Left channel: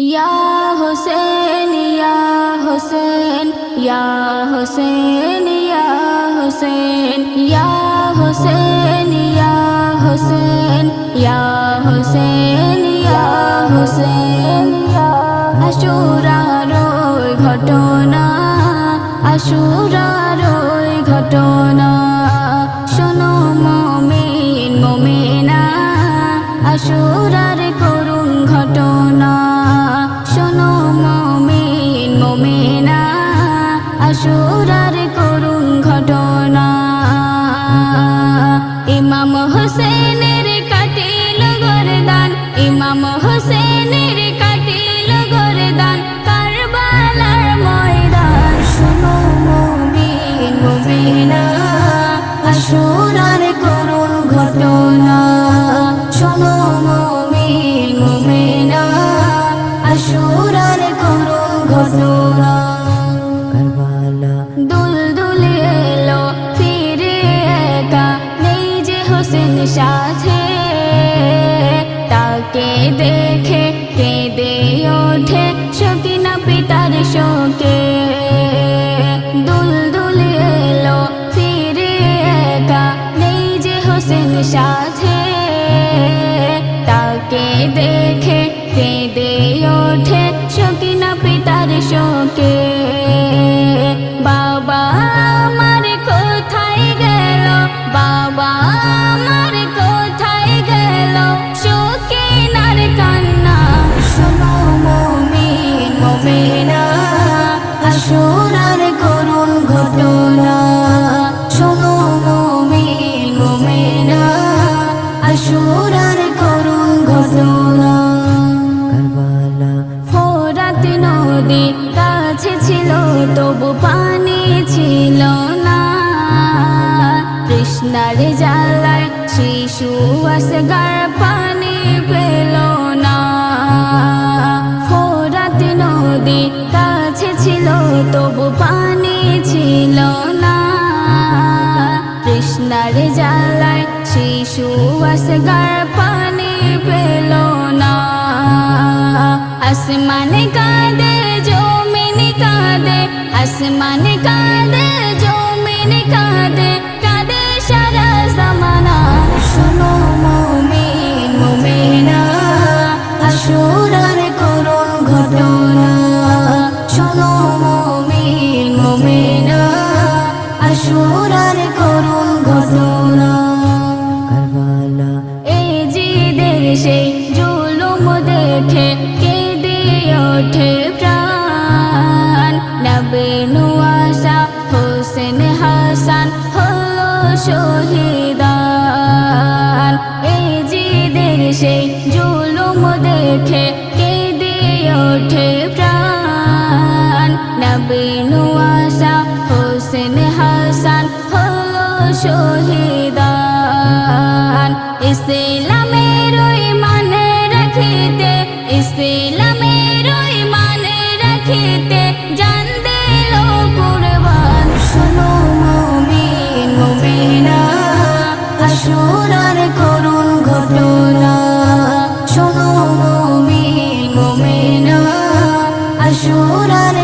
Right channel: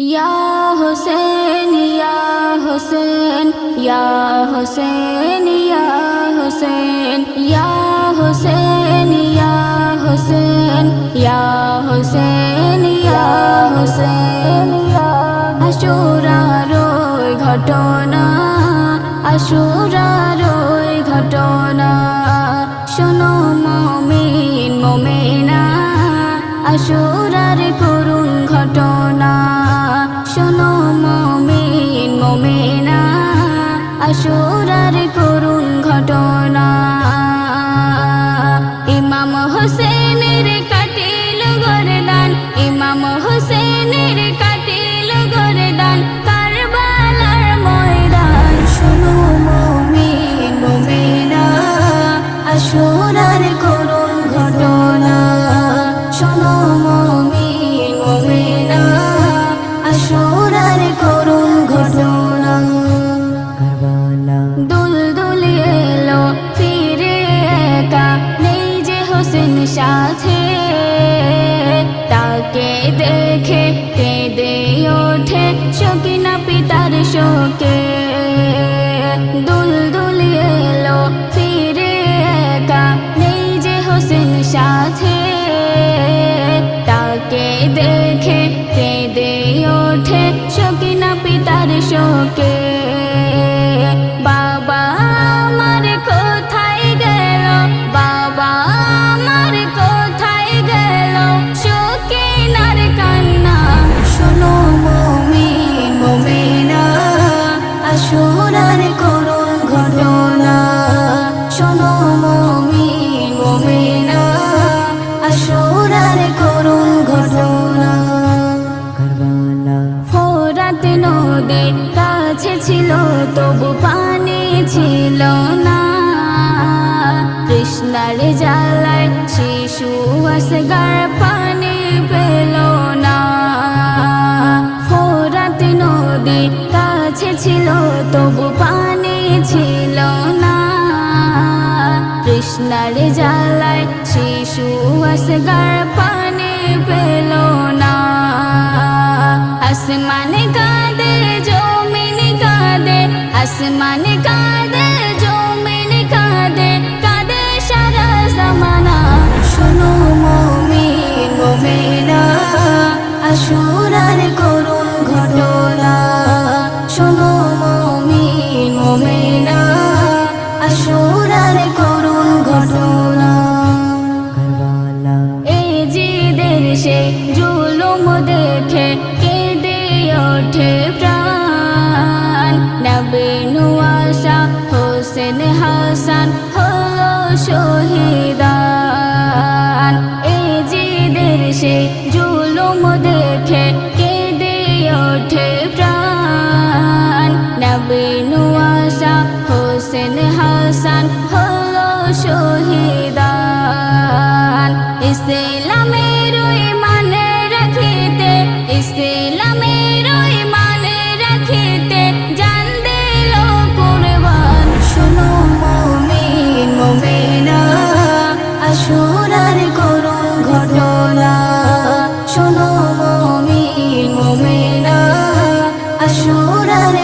या हुसैन या हुसैन या हुसैन या हुसैन या हुसैन या हुसैन या हुसैन या हुसैन। আশুরার ওই ঘটনা, আশুরার ওই ঘটনা, শোনো মুমিন মুমিনা, আশুরার করুণ ঘটনা, শোনো মুমিন মুমিনা, আশুরার করুণ ঘটনা। ইমাম হোসেনের কাটিল গরদান, ইমাম হোসেনের কাটিল গরদান, কারবালার ময়দান, শোনো মুমিন মুমিনা, আশুরার করুণ ঘটনা, শোনো মুমিন মুমিনা, আশুরার করুণ ঘটনা। দুলদুলি এলো ফিরে একা, নেই যে হোসেন সাথে, তাকে দেখে কেঁদে ওঠে সকিনা পিতার শোকে। দুলদুলি এলো ফিরে একা, নেই যে হোসেন সাথে, তাকে দেখে কেঁদে ওঠে সকিনা পিতার শোকে। বাবা আমার কোথায় গেল, বাবা আমার কোথায় গেল, সকিনার কান্না, শোনো মুমিন মুমিনা, আশুরার করুণ ঘটনা, শোনো মুমিন মুমিনা, আশুরার করুণ ঘটনা। ফোরাত নদী কাছে ছিল তবু পানি ছিল না, তৃষ্ণার জ্বালায় শিশু আসগার পানি পেল না। ফোরাত নদী কাছে ছিল তবু পানি ছিল না, তৃষ্ণার জ্বালায় শিশু আসগার পানি পেল না। আসমানে কাঁদে জমিন কাঁদে, আসমানে কাঁদে জমিন কাঁদে, কাঁদে সারা জামানা, শোনো মুমিন মুমিনা, আশুরার করুণ ঘটনা, শোনো মুমিন মুমিনা, আশুরার করুণ ঘটনা। এই জিদের সেই জুলুম দেখে কেঁদে ওঠে প্রাণ, নবী নুয়াশা হোসেন হাসান হলো শহীদান। এই জিদের সেই জুলুম দেখে কেঁদে ওঠে প্রাণ, নবী নুয়াশা হোসেন হাসান হলো শহীদান। ইসলামের মানে রাখিতে, ইসলামের মানে রাখিতে, জান দিল কুরবান, শোনো মুমিন মুমিনা, আশুরার করুণ ঘটনা, শোনো মুমিন মুমিনা, আশুরার